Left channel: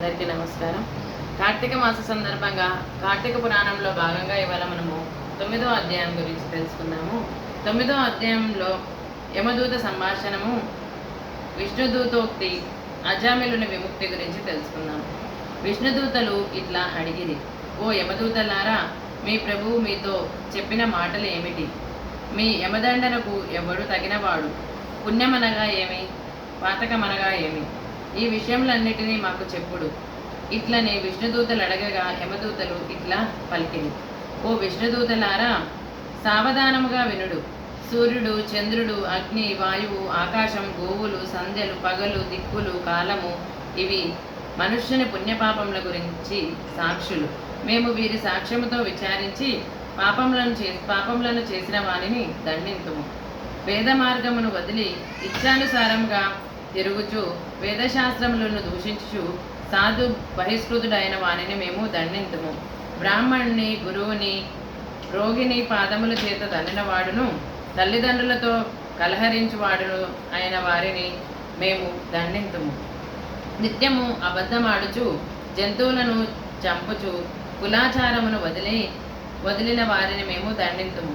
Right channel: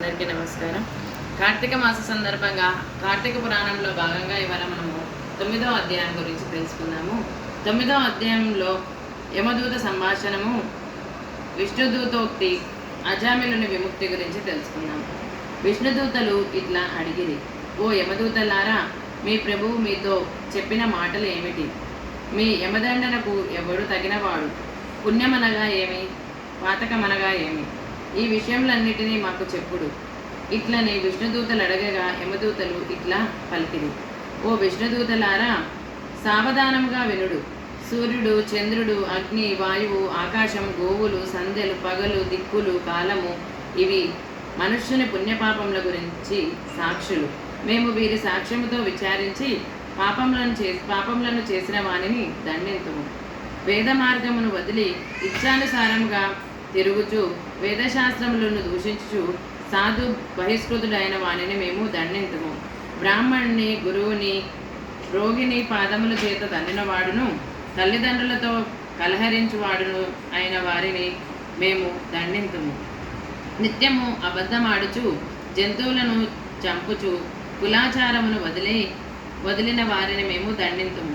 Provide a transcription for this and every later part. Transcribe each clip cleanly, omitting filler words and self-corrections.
అందరికీ నమస్కారం. కార్తీక మాస సందర్భంగా కార్తీక పురాణంలో భాగంగా ఇవాళ మనము 9వ అధ్యాయం గురించి తెలుసుకుందాము. 9వ అధ్యాయంలో యమదూత సంభాషణము, విష్ణుదూతోక్తి, అజామిలుని విముక్తి గురించి తెలుసుకుందాము. విష్ణుదూతలు ఇట్లా అడిగిరి: ఓ యమదూతలారా, మీ ప్రభువు మీతో చెప్పిన మాటలు ఏమిటి? మీ యమదండనకు ఎవడు తగినవాడు? పుణ్యమనగా ఏమి, పాతకమనగా ఏమి? ఈ విషయములన్నిటినీ మాకు చెప్పుడు. ఇట్లని విష్ణుదూతలు అడగగా యమదూతలు ఇట్లా పలికిరు: ఓ విష్ణుదూతలారా, సావధానముగా వినుడు. సూర్యుడు, చంద్రుడు, అగ్ని, వాయువు, ఆకాశం, గోవులు, సంధ్యలు, పగలు, దిక్కులు, కాలము ఇవి మనుష్యుని పుణ్యపాపముల గురించి సాక్షులు. మేము వీరి సాక్ష్యముతో విచారించి పాపములను చేసిన వానిని దండింతుము. వేద మార్గమును వదిలి ఇచ్చానుసారముగా తిరుగుచు వేదశాస్త్రములను దూషించుచు సాధు బహిష్కృతుడైన వానిని మేము దండింతుము. బ్రాహ్మణుని, గురువుని, రోగిని పాదముల చేత దండినవాడును, తల్లిదండ్రులతో కలహరించువాడును అయిన వారిని మేము దండింతుము. నిత్యము అబద్ధమాడుచు జంతువులను చంపుచు కులాచారమును వదిలిన వారిని మేము దండింతుము.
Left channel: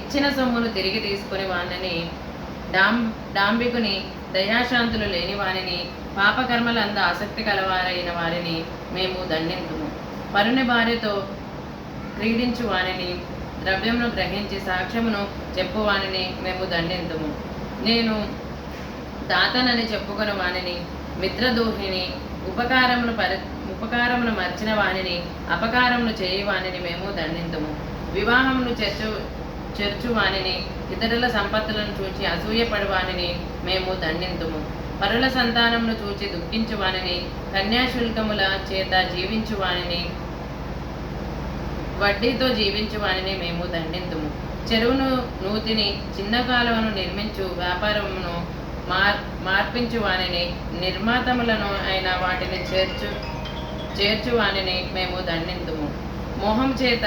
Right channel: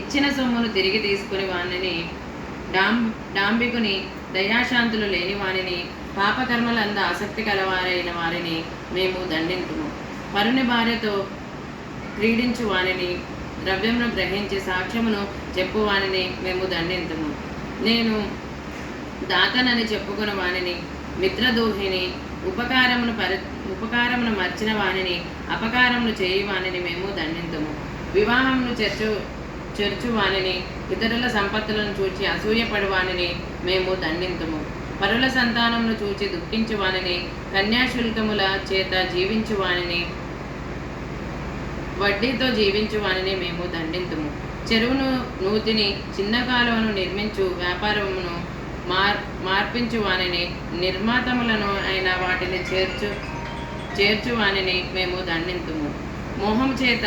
ఇచ్చిన సొమ్మును తిరిగి తీసుకుని వానిని, డాంబికుని, దయాశాంతులు లేని వారిని, పాపకర్మలందు ఆసక్తి కలవారైన వారిని మేము దండింతుము. పరుని భార్యతో క్రీడించు వానిని, ద్రవ్యమును గ్రహించి సాక్ష్యమును చెప్పువానిని మేము దండింతుము. నేను దాతనని చెప్పుకుని వానిని, మిత్రదోహిని, ఉపకారమును మర్చిన వానిని, అపకారమును చేయి వానిని మేము దండింతుము. వివాహమును చెర్చు వానిని, ఇతరుల సంపత్తులను చూచి అసూయపడు వానిని మేము దండింతుము. పరుల సంతానమును చూచి దుఃఖించు వానిని, కన్యాశుల్కముల చేత జీవించు వానిని, వడ్డీతో జీవించు వానిని మేము దండింతుము. చెరువును నూతిని, చిన్న కాలువను నిర్మించు వ్యాపారమును మార్పించు వానిని, నిర్మాతములను అయిన వాటిని చేర్చు వానిని మేము దండింతుము. మోహం చేత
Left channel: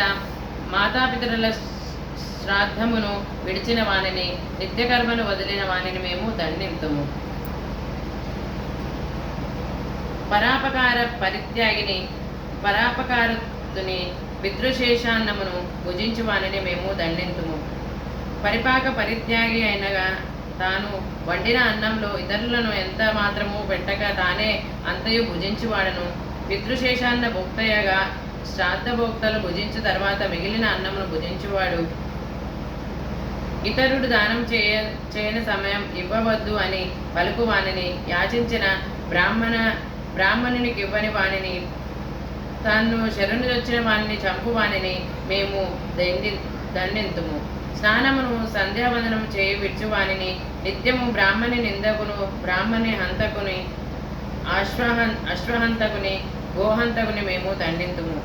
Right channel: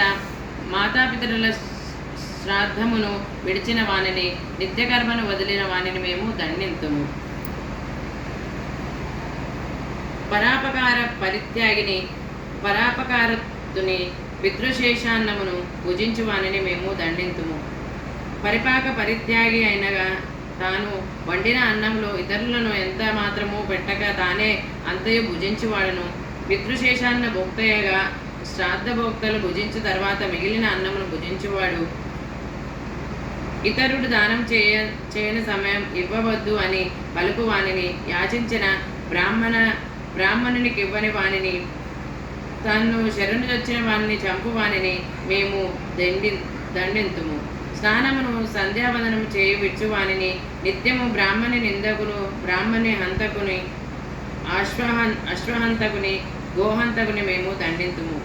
మాతాపితరుల శ్రాద్ధమును విడిచిన వానిని, నిత్యకర్మను వదిలిన వానిని మేము దండింతుము. పరాపకార పరిత్యాగిని, పరాపకారతుని, పితృశేషాన్నమును భుజించు వానిని మేము దండింతుము. పరిపాక పరిత్యాగి అయినగా తాను వండిన అన్నంలో ఇతరులను ఎంత మాత్రము పెట్టక తానే అంతయు భుజించువాడును. పితృశేషాన్న భోక్తయగా శ్రాద్ధ భోక్తలు భుజించు తర్వాత మిగిలిన అన్నమును భుజించువాడు. ఇతరుడు దానం చేయని సమయం ఇవ్వవద్దు అని పలుకు వానిని, యాచించిన బ్రాహ్మణునికి ఇవ్వని వానిని, తాను శరణు వచ్చిన వానిని చంపు వానిని మేము దండింతుము. స్నానమును సంధ్యావందనం చేయి విడుచువానిని, నిత్యము బ్రాహ్మణి నిందకును, బ్రాహ్మణి హంతకుని, అశ్వహంతకుని, గోహంతకుని మేము దండింతుము.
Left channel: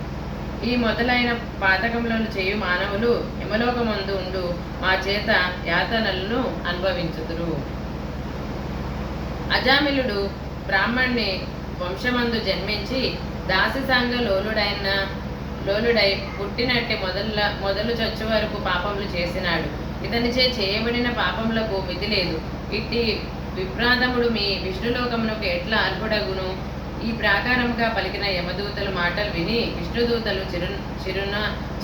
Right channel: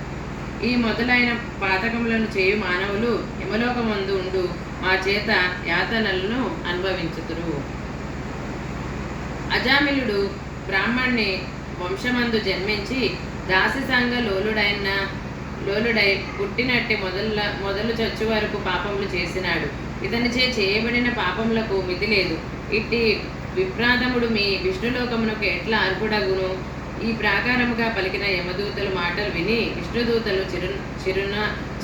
ఈ మొదలైన పాతకములను చేయు మానవులు యమలోకమందు ఉండు మా చేత యాతనలను అనుభవించుదురు. అజామిలుడు బ్రాహ్మణ్ణి వంశమందు జన్మించి దాసిసంగ లోలుడై పుట్టినట్టి మొదలు చచ్చు వరకు పాపములు చేసినాడు. ఇతనిచే చేయబడిన పాపములకు విధి లేదు. ఇట్టి విప్రాతముడు మీ విష్ణులోకమునకు ఎట్లా అర్హుడగును? ఈ ప్రాకారముగా పలికిన యమదూతలు మాటలు విని విష్ణుదూతలు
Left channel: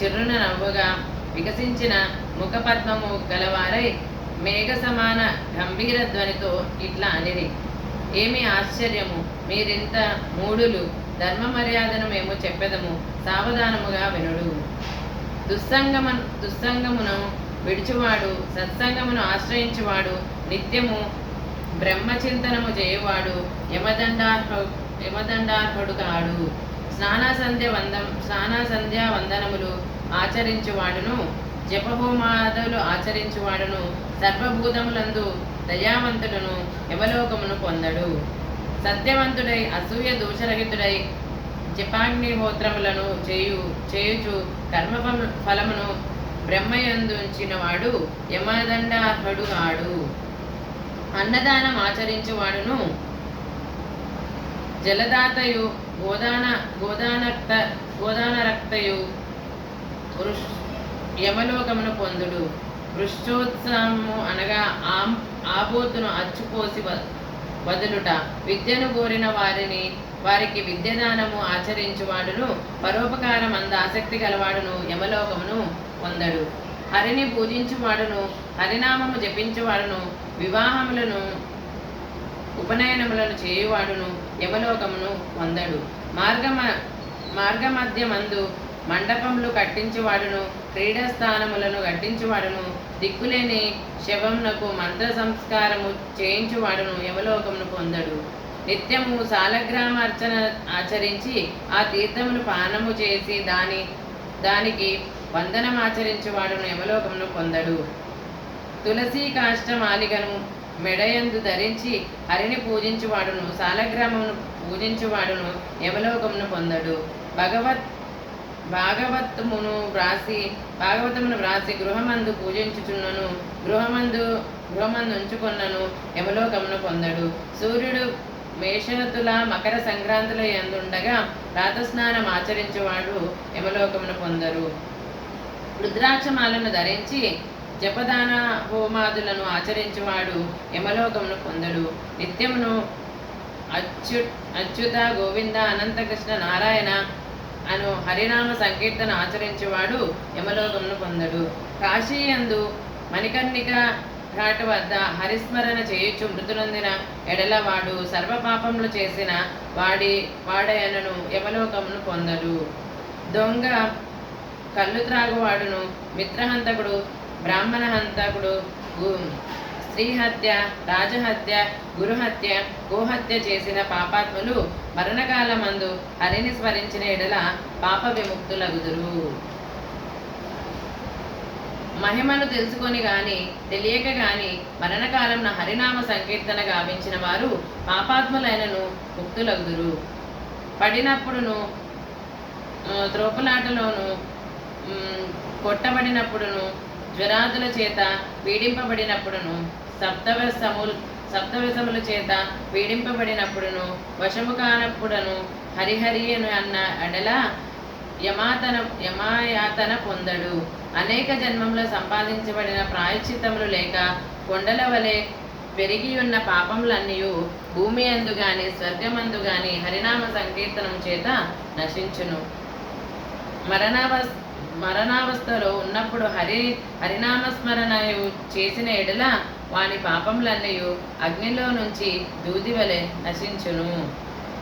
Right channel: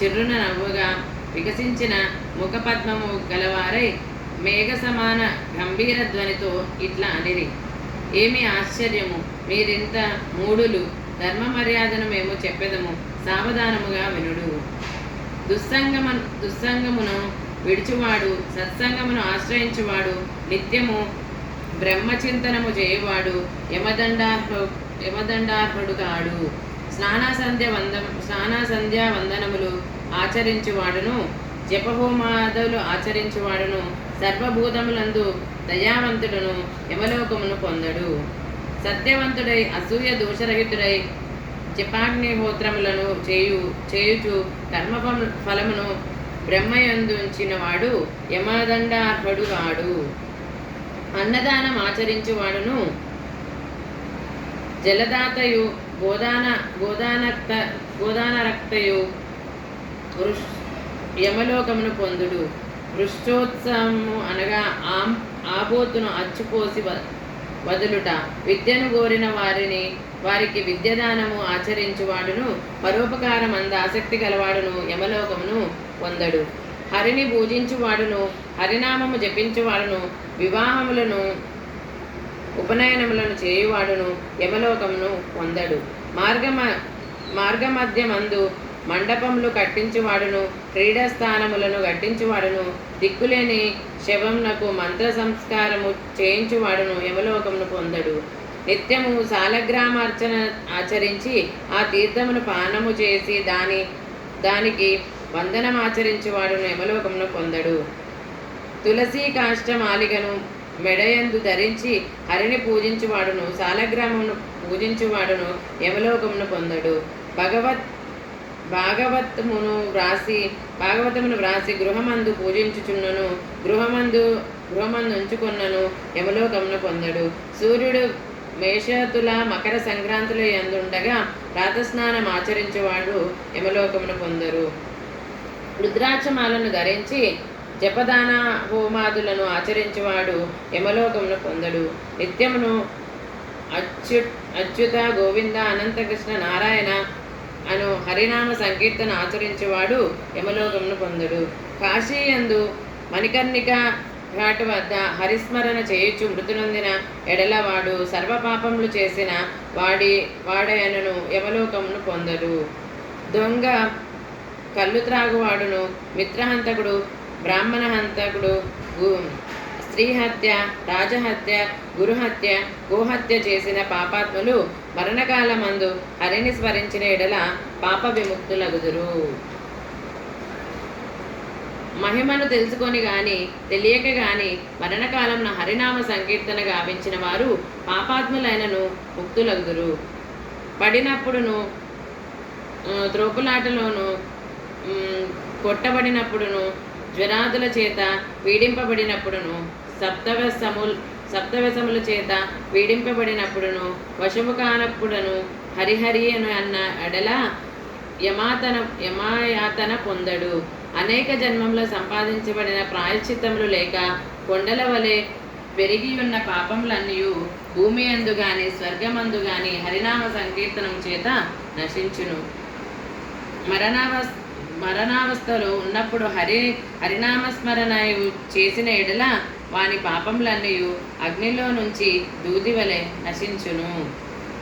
చిరున నవ్వుగా వికసించిన ముఖపద్మము గలవారై మేఘ సమాన గంభీర ధ్వనితో ఇట్లా అనిరి: ఏమి ఆశ్చర్యము! మీరింత మూఢులు! ధర్మ మర్యాదను మేము చెప్పెదము, సావధానముగా వినుడు. దుస్సంగమును విడిచువాడు, సత్సంగమును ఆశ్రయించువాడు, నిత్యము బ్రహ్మచింతనము చేయువాడు యమదండార్హుడు కాడు. స్నానాసంధ్యా వందనములు ఆచరించువాడును, జపహోమాదులు ఆచరించువాడును, సర్వభూతములందు దయావంతుడును యమలోకమును పొందడు. సత్యవంతుడై అసూయ దోషరహితుడై జపాగ్నిహోత్రములను చేయుచు కర్మ ఫలమును బ్రహ్మయందుంచిన వాడు యమదండార్హుడు కాడు. అన్నదానం ఆచరించువాడును, జలదాతయు, గోదానరక్తయు యమలోకమును పొందుడు. వృక్షోత్సవము అనగా ఆబోతును అచ్చుపోసి వదులుట, విద్యను కోరిన వారిని వారికి విద్యదానము ఆచరించువాడును పరోపకారం అంద ఆసక్తి గలవాడును యమలోకమును పొందడు. హరిని పూజించువాడును హరినామము జపించువాడును వివాహములను ఉపనయనములను చేయువాడును యమలోకమును పొందడు. మార్గమధ్యమందు మండపములు కట్టించువాడును క్రీడాస్థానములను కట్టించువాడును దిక్కులేని శవమునకు మంత్ర సంస్కారము చేయించువాడును యమలోకమును పొందడు. నిత్యము సాలగ్రామార్చన ఆచరించి ఆ తీర్థమును పానము చేసి దానికి వందనమాచరించువాడును యమలోకమును పొందడు. తులసి కాష్టమాలిగను మెడయందు ధరించి హరిని పూజించువాడును సాలగ్రామమును పూజించువాడును యమలోకమును పొందడు. భాగవతమును వ్రాసి గృహమందు పూజించుచున్నను గృహమందు ఉంచుకొన్నను యమలోకమును పొందడు. సూర్యుడు మేషతుల మకర సంక్రాంతుల యందుండగా రాతస్నానం ఆచరించేవాడు యమలోకమును పొందరు. రుద్రాక్షమాలను ధరించి జపదాన హోమాదులను ఆచరించేవాడు యమలోకమును పొందడు. నిత్యమును అచ్యుత గోవింద అనంతకృష్ణ నారాయణ అను హరినామ సంకీర్తన ఆచరించేవాడు యమలోకమును పొందడు. కాశీయందు మణికర్ణిక ఘాటు వద్ద హరిస్మరణ చేయుచు మృతులందిన ఎడలవాడు సర్వపాపములు చేసిన వాడయనను యమలోకమును పొందడు. దొంగ కళ్ళు త్రాగువాడును మిత్రహంతకుడు బ్రాహ్మణ హంతకుడు స్త్రీహత్య రాజహత్య గురుహత్య గోహత్య చేసిన పాపాత్ములు మరణకాలమందు హరిని స్మరించిన ఎడల పాప విముక్తులగుదురు. మహిమను తెలుసుకొని గాని తెలియక గాని మరణకాలంలో హరినామ సంకీర్తన గావించిన వారు పాపాత్ములైనను ముక్తులగుదురు. పడినప్పుడును త్రోపులాటలోను కొట్టబడినప్పుడును జ్వరాదుల చేత పీడింపబడినప్పుడును సప్తవ్యసముల చేత పీడింపబడినప్పుడును వశము కానప్పుడును హరిహరి అన్న ఎడల యమాయాతన పొందడు. అనేక జన్మంలో సంపాదించబడిన ప్రాయశ్చిత్తములు లేక కొండల వలె పెరిగి ఉన్న పాపములన్నీ భూమి అందు గాని స్వర్గమందు గాని హరినామ సంకీర్తనం చేత నశించును. మరణావస్థలో ఉన్నప్పుడు హరినామస్మరణ చేసిన ఎడల వాని పాపములన్నీ అగ్నిలో నుంచి దూది వలె నశించును.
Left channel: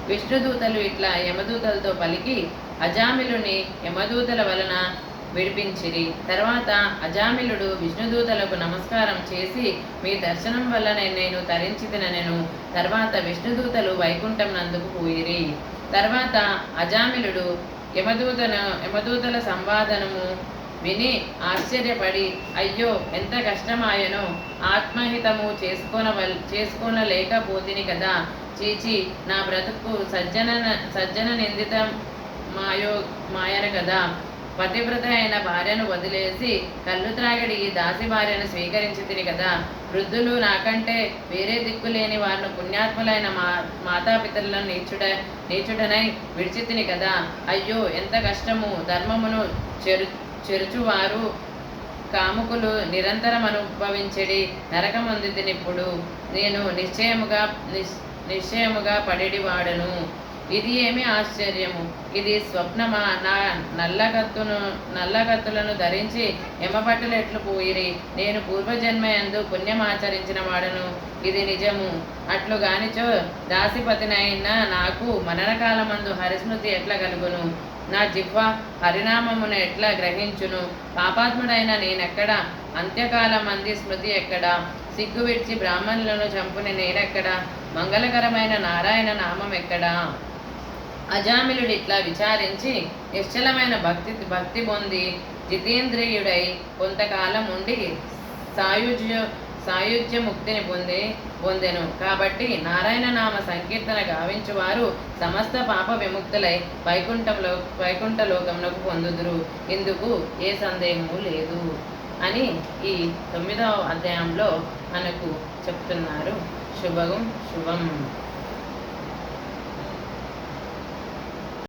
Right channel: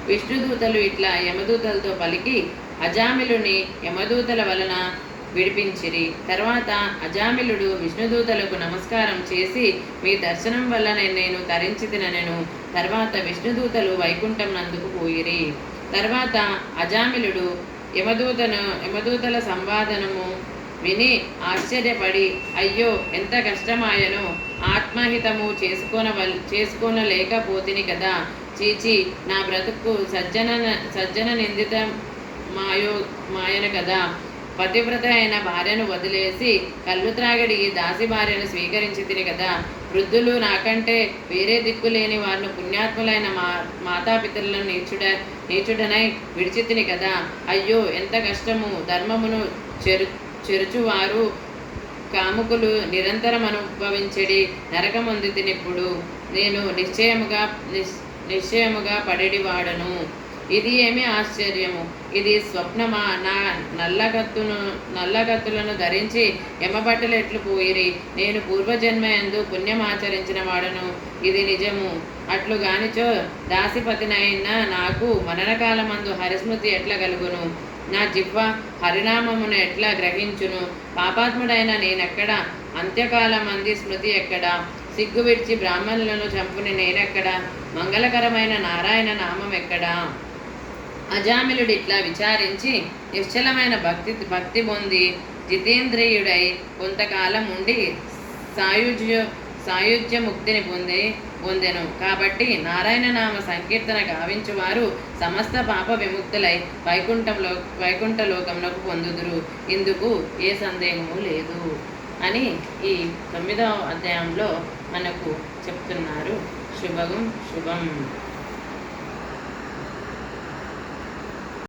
విష్ణుదూతలు ఇట్లా యమదూతలతో పలికి అజామిలుని యమదూతల వలన విడిపించిరి. తర్వాత అజామిలుడు విష్ణుదూతలకు నమస్కారం చేసి మీ దర్శనం వల్ల నేను తరించితినెను. తర్వాత విష్ణుదూతలు వైకుంఠం నందుకు పోయిరి. తర్వాత అజామిలుడు యమదూతల సంవాదనము విని అయ్యో ఎంత కష్టమాయనో ఆత్మహితము చేసుకోనలేకపోతిని కదా, చీచి నా బ్రతుకు సజ్జన నిందిత మాయన కదా, పతివ్రత అయిన భార్యను వదిలేసి కళ్ళు త్రాగడి దాసి భార్యను స్వీకరించి తిని కదా, వృద్ధులు నాకంటే వేరే దిక్కులేని వారిని పుణ్యాత్ములైన మాతాపితరులను నీచుడనై విడిచితిని కదా, అయ్యో ఎంత కష్టము, ధర్మమును చెరుచువారు కాముకులు నిరంతరం అనుభవించడి నరకముంది తినిప్పుడు నేను నిశ్చయముగా పడివాడను. ఇది ఏమి ఆశ్చర్యము, ఇది స్వప్నమా? నా నల్లకత్తులను ధరించి యమభటులు ఎట్లు పోయిరి, నేను పూర్వజన్మయందు పుణ్యమాచరించిన వాడను, ఇది నిజము. అట్లు గానిచో దాసిపతినైన నాకు మరణకాలమందు హరిస్మృతి ఎట్లా కలుగును, నా జిహ్వ హరినామమును ఎట్లా గ్రహించును, పాపాత్ముడైన నేనెక్కడ, అంత్యకాలమంది స్మృతి ఎక్కడ, సిగ్గు విడిచి బ్రాహ్మణులను చంపుని నేనెక్కడ, మంగళకరమైన నారాయణ నామం ఎక్కడా? అజామిలుడు ఇట్లా విచారించి నిశ్చలమైన భక్తి పొంది జితేంద్రియుడై కొంతకాలం ఉండి సాయుజ్య ముక్తిని పొందెను. కాబట్టి నారాయణ నామ సంకీర్తన గావించువారు సమస్త పాప విముక్తులై వైకుంఠలోకమునకు పొందుదురు. ఇందుకు ఏ సందేహము లేదు అని ఈ 9వ అధ్యాయంలో మనకు చెప్తున్నారు. శుభం.